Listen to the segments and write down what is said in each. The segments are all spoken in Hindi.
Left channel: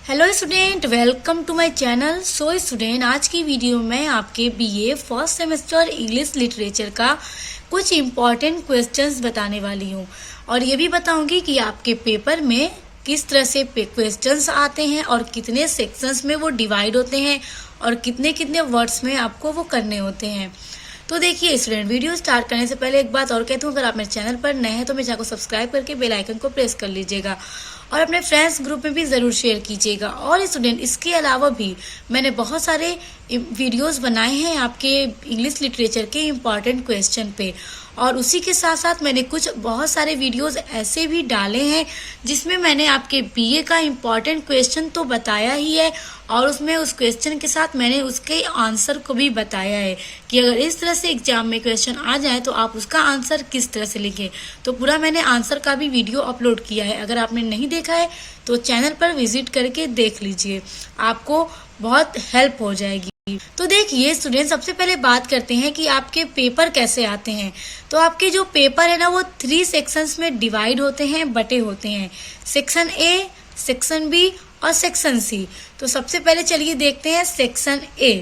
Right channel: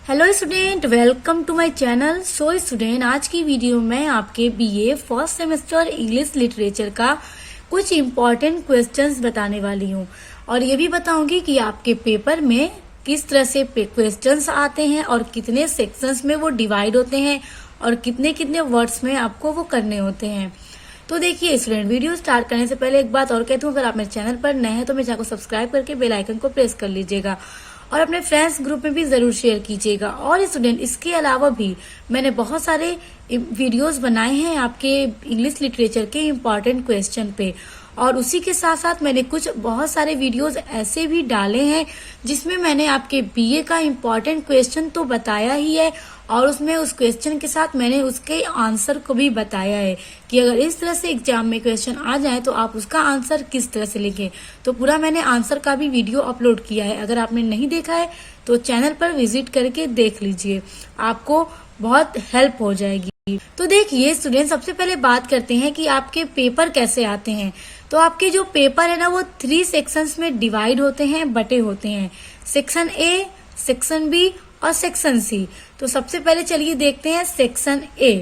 Hello student, welcome to my channel. So student, आज की वीडियो में आपके BA first semester English literature का कुछ इम्पॉर्टेंट क्वेश्चंस बताने वाली हूँ और ये भी बताऊंगी कि आपके पेपर में किस तरह से क्वेश्चंस आते हैं और कितने सेक्शंस में वो डिवाइड होते हैं और कितने कितने वर्ड्स में आपको वो करने होते हैं। तो देखिए स्टूडेंट, वीडियो स्टार्ट करने से पहले एक बात और कहती हूँ, अगर आप मेरे चैनल पर नए हैं तो मेरे चैनल को सब्सक्राइब करके बेल आइकन को प्रेस कर लीजिएगा और अपने फ्रेंड्स ग्रुप में भी ज़रूर शेयर कीजिएगा। और स्टूडेंट, इसके अलावा भी मैंने बहुत सारे वीडियोस बनाए हैं आपके इंग्लिश लिटरेचर के इम्पॉर्टेंट क्वेश्चन पे, और उसी के साथ साथ मैंने कुछ बहुत सारे वीडियोस ऐसे भी डाले हैं जिसमें मैंने आपके बीए का इम्पॉर्टेंट क्वेश्चन तो बताया ही है और उसमें उस क्वेश्चन के साथ मैंने उसके आंसर को भी बताया है कि अगर इस तरह से एग्जाम में क्वेश्चन आ जाए तो आप उसका आंसर किस तरह से लिखें। तो पूरा मैंने आंसर का भी वीडियो अपलोड किया है, अगर आपने नहीं देखा है तो चैनल पर विजिट करके देख लीजिए, आपको बहुत हेल्प हो जाएगी। तो देखिए स्टूडेंट, सबसे पहले बात करते हैं कि आपके पेपर कैसे आते हैं। तो आपके जो पेपर है ना, वो 3 सेक्शंस में डिवाइड होते हैं, बटे होते हैं, सेक्शन ए, सेक्शन बी और सेक्शन सी। तो सबसे पहले चलिए देखते हैं सेक्शन ए।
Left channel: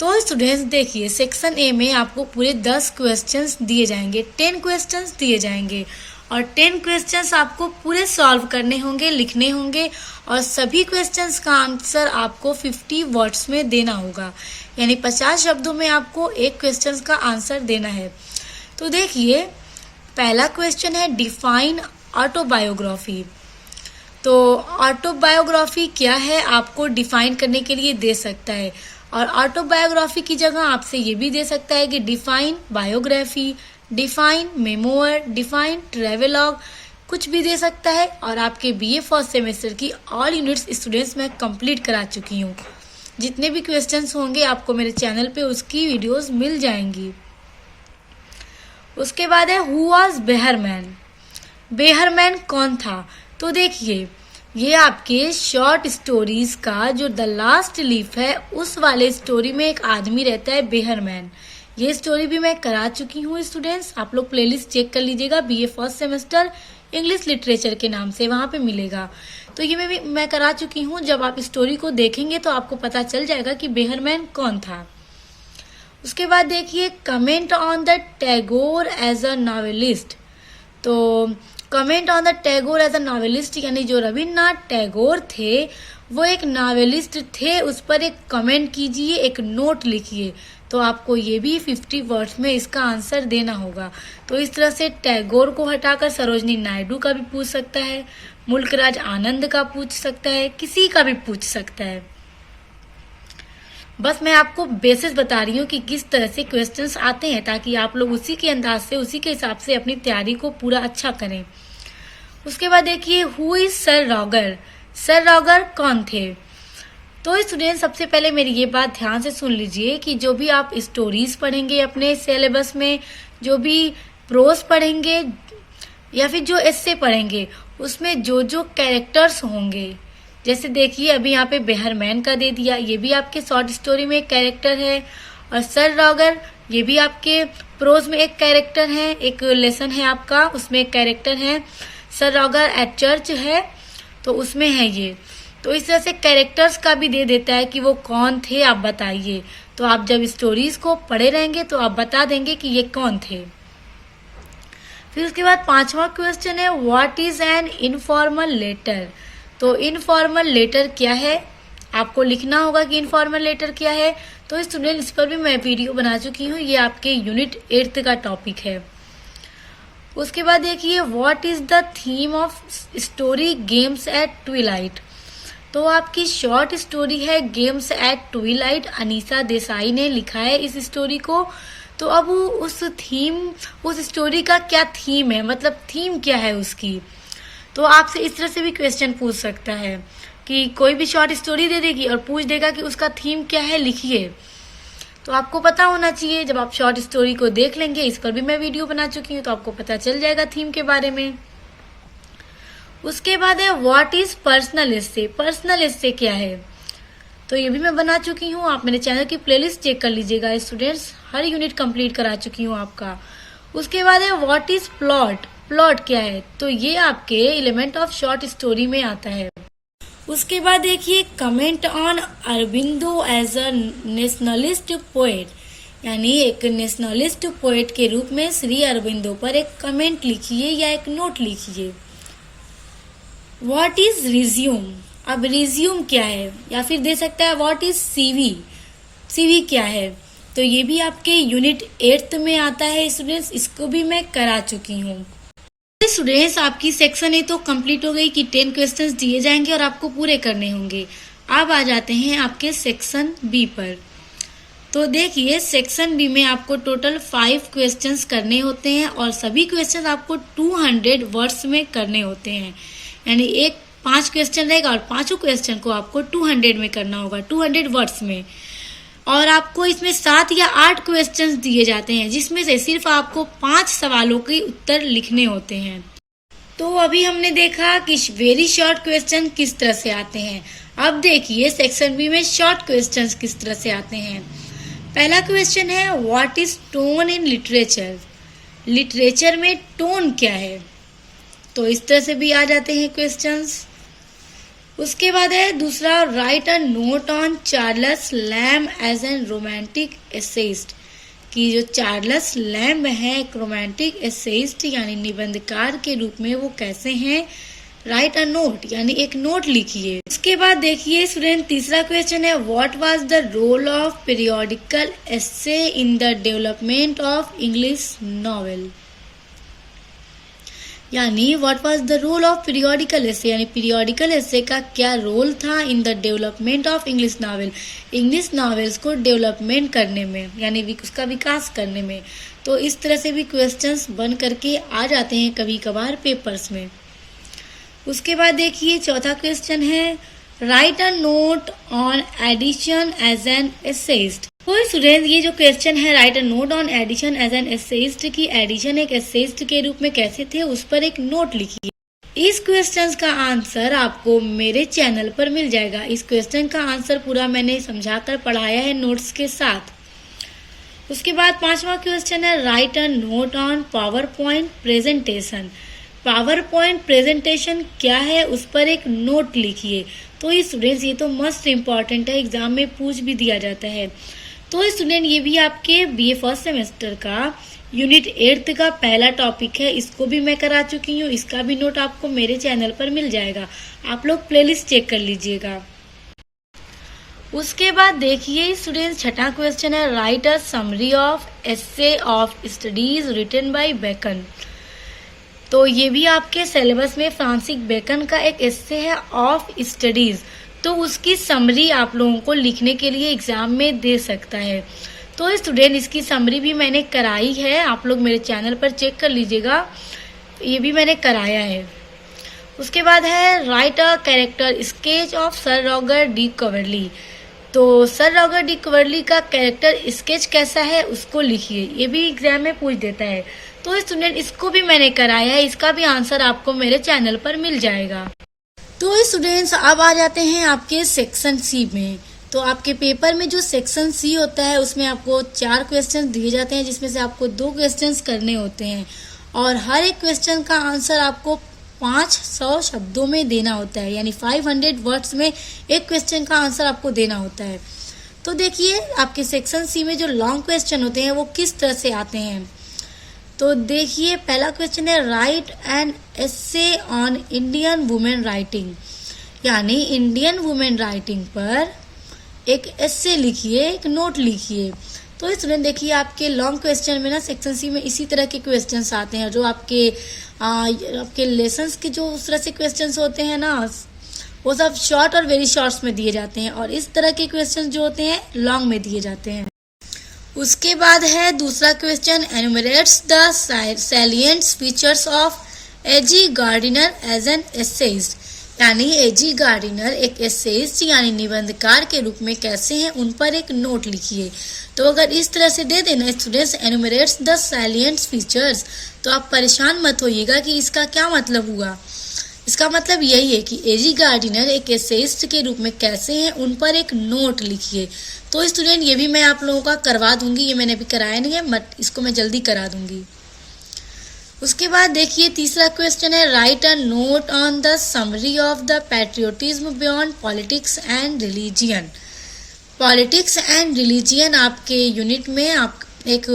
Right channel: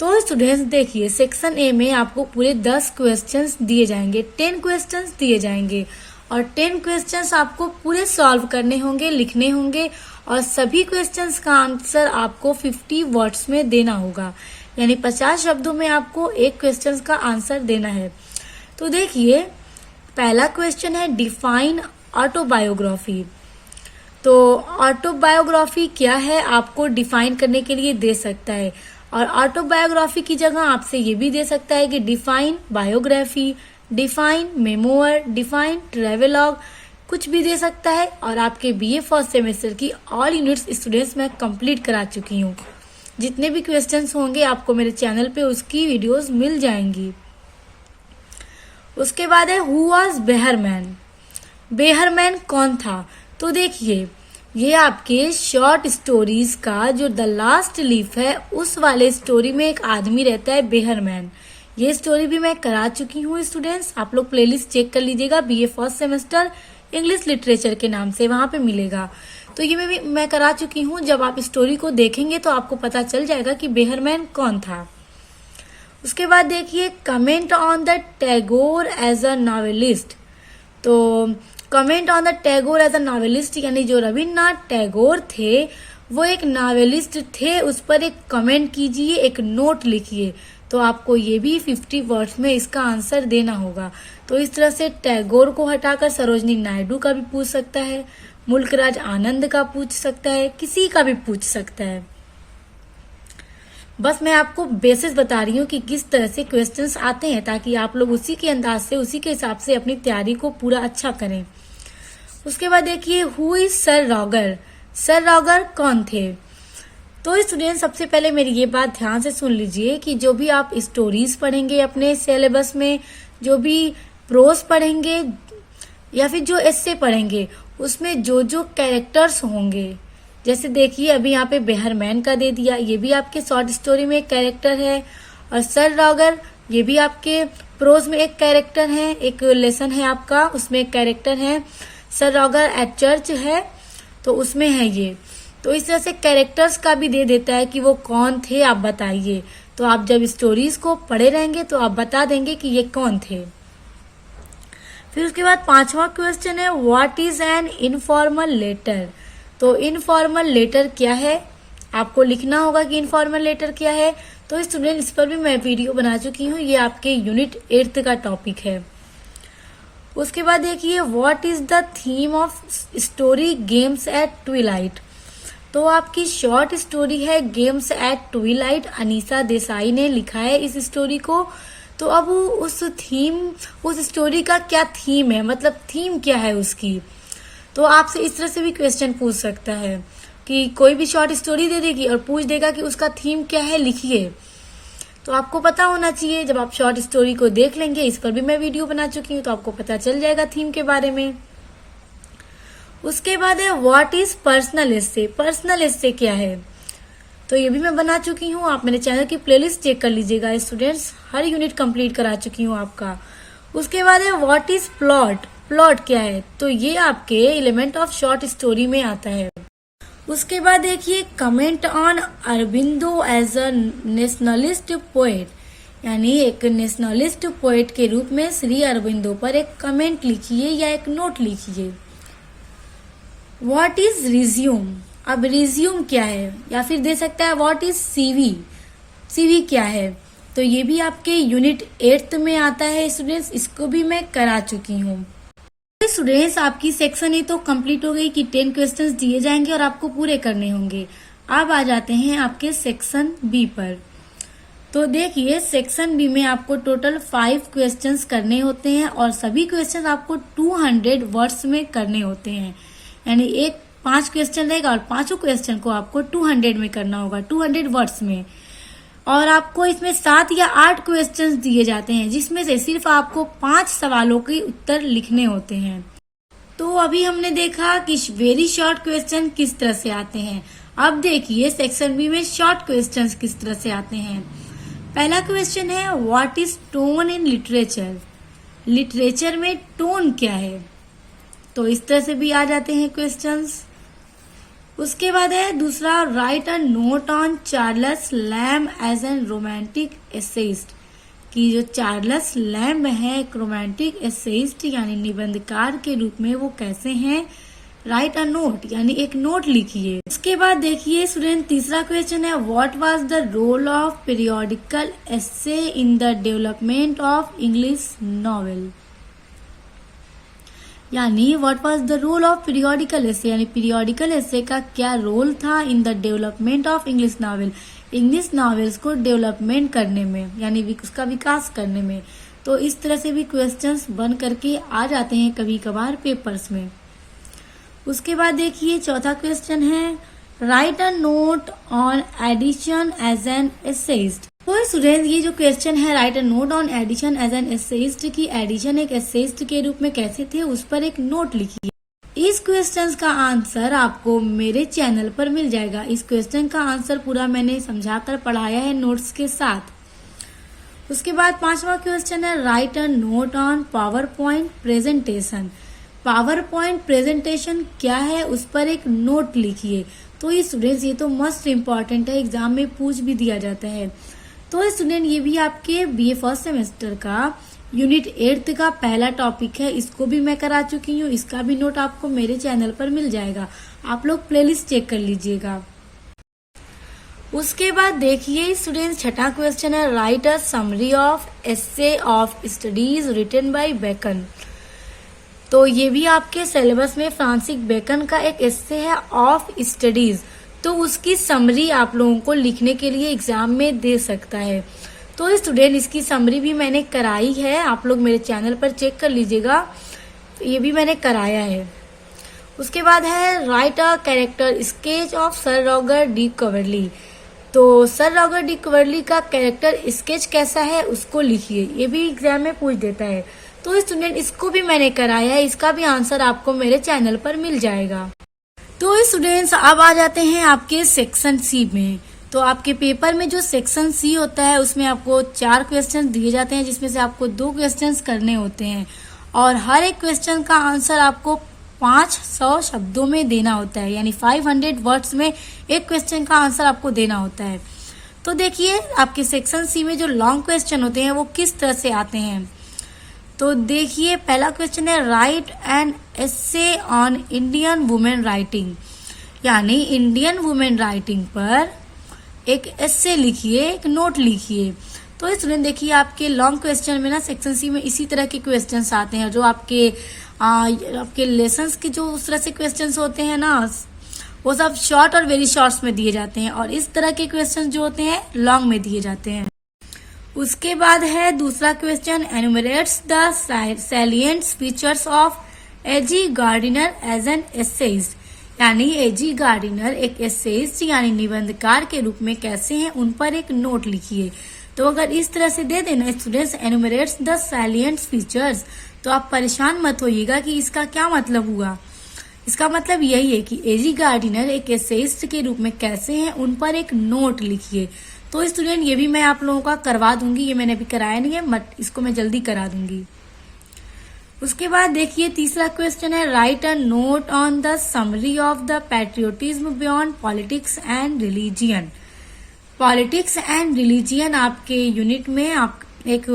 तो स्टूडेंट्स देखिए, सेक्शन ए में आपको पूरे 10 क्वेश्चंस दिए जाएंगे, 10 क्वेश्चंस दिए जाएंगे और 10 क्वेश्चंस आपको पूरे सॉल्व करने होंगे, लिखने होंगे और सभी क्वेश्चंस का आंसर आपको 50 वर्ड्स में देना होगा, यानी 50 शब्दों में आपको एक क्वेश्चंस का आंसर देना है। तो देखिए, पहला क्वेश्चन है डिफाइन ऑटोबायोग्राफी। तो ऑटोबायोग्राफी क्या है आपको डिफाइन करने के लिए दे सकता है, और ऑटोबायोग्राफी की जगह आपसे ये भी दे सकता है कि define biography, define memoir, define travelogue, कुछ भी दे सकता है। और आपके बीए फर्स्ट सेमेस्टर की ऑल यूनिट्स स्टूडेंट्स मैं कंप्लीट करा चुकी हूँ, जितने भी क्वेश्चंस होंगे आपको मेरे चैनल पे उसकी वीडियोस मिल जाएंगी। उसके बाद है हु वाज बेहरमैन। बेहरमैन कौन था? तो देखिए, ये आपके शॉर्ट स्टोरीज का जो द लास्ट लीफ है उस वाले स्टोरी में एक आदमी रहता है बेहरमैन। ये स्टोरी भी मैं करा चुकी हूँ स्टूडेंट्स, आप लोग प्लेलिस्ट चेक कर लीजिएगा, BA first semester English literature के नाम से वहां पे मिलेगा। तो ये मैं करा चुकी हूँ। जब आप स्टोरी को देखेंगे तो आपको पता चल जाएगा कि बेहरमैन कौन था। उसके बाद देखिए, comment on the Tagore as a novelist. तो comment on the Tagore as a novelist, यानी जो रविन्द्रनाथ टैगोर थे वो एक नॉवेलिस्ट थे, उस पर एक कमेंट कीजिए, एक नोट लिखिए। तो आपको ये भी 50 वर्ड्स में इसका आंसर देना होगा। तो इस तरह से टैगोर को हटाकर सरोजनी नायडू का भी पूछ सकता है, मुल्कराज आनंद का पूछ सकता है, किसी का भी पूछ सकता है। बस मैं आपको बेसिस बता रही हूँ कि किस तरह से क्वेश्चंस आते हैं, ताकि आप लोग उसी के अंदाज से, उसी के हिसाब से अपनी तैयारी को पूरा अच्छा करें। उसके बाद देखिए, who is sir Roger. Sir Roger कौन थे? तो स्टूडेंट, सबसे पहले मेरी ये बात ध्यान से सुन लीजिए कि जो भी आप स्टोरीज पढ़ेंगे अपने सिलेबस में, जो भी प्रोज पढ़ेंगे या फिर जो एस्से पढ़ेंगे, उसमें जो जो कैरेक्टर्स होंगे, जैसे देखिए अभी यहाँ पे बेहरमैन का दे दिया, ये भी आपके शॉर्ट स्टोरी में एक कैरेक्टर है, और सर रॉगर ये भी आपके प्रोज में एक कैरेक्टर है, एक लेसन है आपका, उसमें एक कैरेक्टर है। सर रॉगर एट चर्च है तो उसमें है ये। तो इस तरह से कैरेक्टर्स का भी दे देता है कि वो कौन थे, आप बताइए। तो आप जब स्टोरीज को पढ़े रहेंगे तो आप बता देंगे कि ये कौन थे। फिर उसके बाद 5वां क्वेश्चन है what is an informal letter. तो इनफॉर्मल लेटर क्या है, आपको लिखना होगा कि इनफॉर्मल लेटर क्या है। तो स्टूडेंट, इस पर भी मैं वीडियो बना चुकी हूँ, ये आपके यूनिट 8 का टॉपिक है। उसके बाद देखिए, what is the theme of story games eight Twilight. तो आपकी शॉर्ट स्टोरी है games eight Twilight, Anisa Desai ने लिखा है इस स्टोरी को। तो अब उस स्टोरी का क्या थीम है, मतलब थीम क्या है उसकी। तो आपसे इस तरह से भी क्वेश्चन पूछ सकता है कि कोई भी शॉर्ट स्टोरी दे देगी और पूछ देगा कि उसका थीम क्या है, लिखिए। तो आपको पता होना चाहिए, जब आप शॉर्ट स्टोरी को देख लेंगे, इस पर भी मैं वीडियो बना चुकी हूँ, तो आपको पता चल जाएगा थीम के बारे में। उसके बाद है what is personal essay. Personal essay क्या है, तो ये भी मैं बना चुकी हूँ, आप मेरे चैनल की प्लेलिस्ट चेक कर लीजिएगा स्टूडेंट्स, हर यूनिट कंप्लीट करा चुकी हूँ आपका। उसके बाद है व्हाट इज प्लॉट। प्लॉट क्या है, तो ये आपके एलिमेंट ऑफ शॉर्ट स्टोरी में आता है। उसके बाद देखिए comment on Aurobindo as a nationalist poet, यानी एक नेशनलिस्ट पोएट के रूप में श्री अरबिंदो पर एक कमेंट लिखिए या एक नोट लिखिए। व्हाट इज रिज्यूम, अब रिज्यूम क्या है, या फिर दे सकता है व्हाट इज सीवी, सीवी क्या है। तो ये भी आपके यूनिट 8 में आता है स्टूडेंट्स, इसको भी मैं करा चुकी हूँ। स्टूडेंट्स आपकी सेक्शन ए तो कंप्लीट हो गई कि 10 क्वेश्चंस दिए जाएंगे और आपको पूरे करने होंगे। अब आ जाते हैं आपके सेक्शन बी पर। तो देखिए सेक्शन बी में आपको टोटल 5 क्वेश्चंस करने होते हैं और सभी क्वेश्चंस आपको 200 वर्ड्स में करने होते हैं, यानी एक 5 क्वेश्चन रहेगा और पांचों क्वेश्चन को आपको 200 में करना होगा, 200 वर्ड्स में। और आपको इसमें 7 या 8 क्वेश्चंस दिए जाते हैं जिसमें से सिर्फ आपको 5 सवालों के उत्तर लिखने होते हैं। तो अभी हमने देखा कि वेरी शॉर्ट क्वेश्चन किस तरह से आते हैं। अब देखिए सेक्शन बी में शॉर्ट क्वेश्चंस किस तरह से आते हैं। पहला क्वेश्चन है what is tone in literature, literature में टोन क्या है। तो इस तरह से भी आ जाते हैं क्वेश्चंस। उसके बाद है दूसरा write a note on Charles Lamb as an romantic essayist, कि जो चार्ल्स लैम्ब है एक रोमांटिक एसेइस्ट यानी निबंधकार के रूप में वो कैसे हैं। राइट अ नोट यानी एक नोट लिखिए। उसके बाद देखिए स्टूडेंट तीसरा क्वेश्चन है what was the role of periodical essay in the development of English novel, यानी what was the role of periodical essay, यानी पीरियोडिकल एसे का क्या रोल था in the development of English novel, English novels को डेवलपमेंट करने में यानी उसका विकास करने में। तो इस तरह से भी क्वेश्चंस बन करके आ जाते हैं कभी कभार पेपर्स में। उसके बाद देखिए चौथा क्वेश्चन है write a note on Addison as an essayist. तो स्टूडेंट ये जो क्वेश्चन है write a note on Addison as an essayist की एडिशन एक एसेइस्ट के रूप में कैसे थे उस पर एक नोट लिखिए। इस क्वेश्चन का आंसर आपको मेरे चैनल पर मिल जाएगा। इस क्वेश्चन का आंसर पूरा मैंने समझाकर पढ़ाया है नोट्स के साथ। उसके बाद पांचवा क्वेश्चन है write a note on power point presentation, power point presentation क्या है उस पर एक नोट लिखिए। तो ये स्टूडेंट्स ये तो मस्ट इम्पॉर्टेंट है, एग्जाम में पूछ भी दिया जाता है। तो स्टूडेंट ये भी आपके बीए फर्स्ट सेमेस्टर का यूनिट 8 का पहला टॉपिक है, इसको भी मैं करा चुकी हूँ। इसका भी नोट आपको मेरे चैनल पर मिल जाएगा, आप लोग प्लेलिस्ट चेक कर लीजिएगा। उसके बाद देखिए स्टूडेंट्स छठा क्वेश्चन है write a summary of essay of studies written by Bacon. तो ये भी आपके सिलेबस में फ्रांसिस बेकन का एक एसे है ऑफ स्टडीज, तो उसकी समरी आप लोगों को लिखने के लिए एग्जाम में दे सकता है। तो स्टूडेंट इसकी समरी भी मैंने कराई है, आप लोग मेरे चैनल पर चेक कर लीजिएगा, ये भी मैंने कराया है। उसके बाद है write a character sketch of Sir Robert de Coverley. तो सर रॉबर्ट डी कवर्ली का कैरेक्टर स्केच कैसा है उसको लिखिए, ये भी एग्जाम में पूछ देता है। तो स्टूडेंट इसको भी मैंने कराया है, इसका भी आंसर आपको मेरे चैनल पर मिल जाएगा। तो स्टूडेंट्स अब आ जाते हैं आपके सेक्शन सी में। तो आपके पेपर में जो सेक्शन सी होता है उसमें आपको 4 क्वेश्चन दिए जाते हैं जिसमें से आपको 2 क्वेश्चंस करने होते हैं और हर एक क्वेश्चन का आंसर आपको 500 शब्दों में देना होता है, यानी 500 वर्ड्स में एक क्वेश्चन का आंसर आपको देना होता है। तो देखिए आपके सेक्शन सी में जो लॉन्ग क्वेश्चन होते हैं वो किस तरह से आते हैं। तो देखिए पहला क्वेश्चन है right an essay on Indian women writing, यानी इंडियन वुमेन राइटिंग पर एक एसे लिखिए, एक नोट लिखिए। तो स्टूडेंट देखिए आपके लॉन्ग क्वेश्चन में ना सेक्शन सी में इसी तरह के क्वेश्चंस आते हैं, जो आपके लेसन्स के जो उस तरह से क्वेश्चंस होते हैं ना वो सब शॉर्ट और वेरी शॉर्ट्स में दिए जाते हैं और इस तरह के क्वेश्चन जो होते हैं लॉन्ग में दिए जाते हैं। उसके बाद है दूसरा question enumerates the salient features of A G Gardiner as an essayist, यानी एजी गार्डिनर एक एसेइस्ट यानी निबंधकार के रूप में कैसे हैं उन पर एक नोट लिखिए। तो अगर इस तरह से दे देना स्टूडेंट्स एनुमरेट्स द सैलिएंट फीचर्स, तो आप परेशान मत होइएगा कि इसका क्या मतलब हुआ। इसका मतलब यही है कि एजी गार्डिनर एक एसेइस्ट के रूप में कैसे हैं उन पर एक नोट लिखिए। तो स्टूडेंट ये भी मैं आप लोगों का करवा दूंगी, ये मैंने अभी कराया नहीं है, इसको मैं जल्दी करा दूंगी। उसके बाद देखिए तीसरा क्वेश्चन है, write a note on the summary of the patriotism beyond politics and religion. Politics and religion आपके यूनिट में आप एक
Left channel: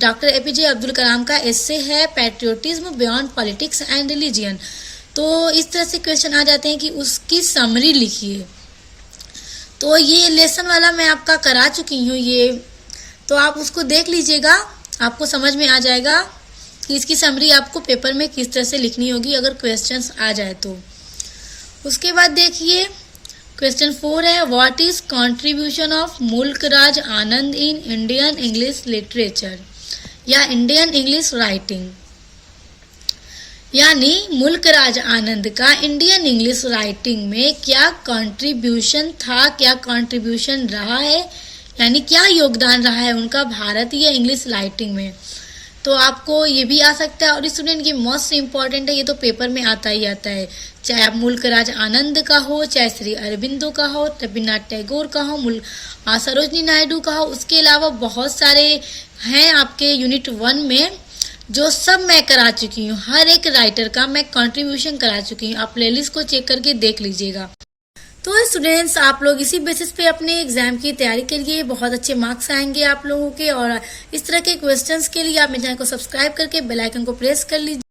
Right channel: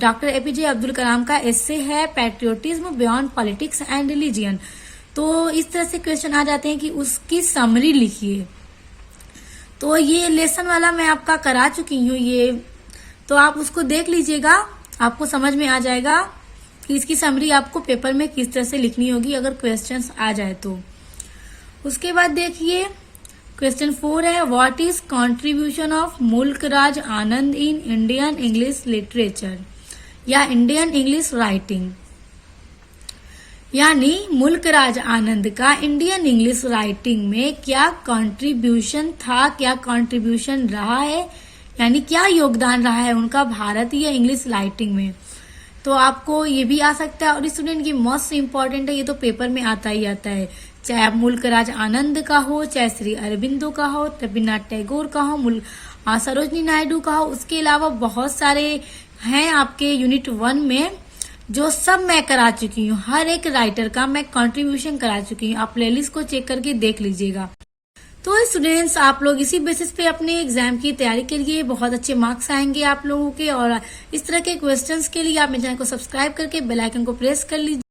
डॉक्टर एपीजे अब्दुल कलाम का एस्से है, patriotism beyond politics and religion. तो इस तरह से क्वेश्चन आ जाते हैं कि उसकी समरी लिखिए। तो ये लेसन वाला मैं आपका करा चुकी हूँ, ये तो आप उसको देख लीजिएगा, आपको समझ में आ जाएगा कि इसकी समरी आपको पेपर में किस तरह से लिखनी होगी अगर क्वेश्चंस आ जाए तो। उसके बाद देखिए क्वेश्चन 4 है, व्हाट इज कंट्रीब्यूशन ऑफ मुल्क Raj Anand in Indian English literature या इंडियन इंग्लिश राइटिंग। यानी मुल्क राज आनंद का इंडियन इंग्लिश राइटिंग में क्या कंट्रीब्यूशन था, क्या कंट्रीब्यूशन रहा है, यानी क्या योगदान रहा है उनका भारतीय इंग्लिश राइटिंग में। तो आपको ये भी आ सकता है, और स्टूडेंट की मोस्ट इम्पॉर्टेंट है, ये तो पेपर में आता ही आता है, चाहे आप मुल्क राज आनंद का हो, चाहे श्री अरबिंदो का हो, रविन्द्रनाथ टैगोर का हो, सरोजनी नायडू का हो। उसके अलावा बहुत सारे हैं आपके यूनिट 1 में जो सब मैं करा चुकी हूँ, हर एक राइटर का मैं कंट्रीब्यूशन करा चुकी हूँ, आप प्लेलिस्ट को चेक करके देख लीजिएगा। तो स्टूडेंट्स आप लोग इसी बेसिस पे अपने एग्जाम की तैयारी करिए, बहुत अच्छे मार्क्स आएंगे आप लोगों के। और इस तरह के क्वेश्चंस के लिए आप मेरे चैनल को सब्सक्राइब करके बेल आइकन को प्रेस कर लीजिए।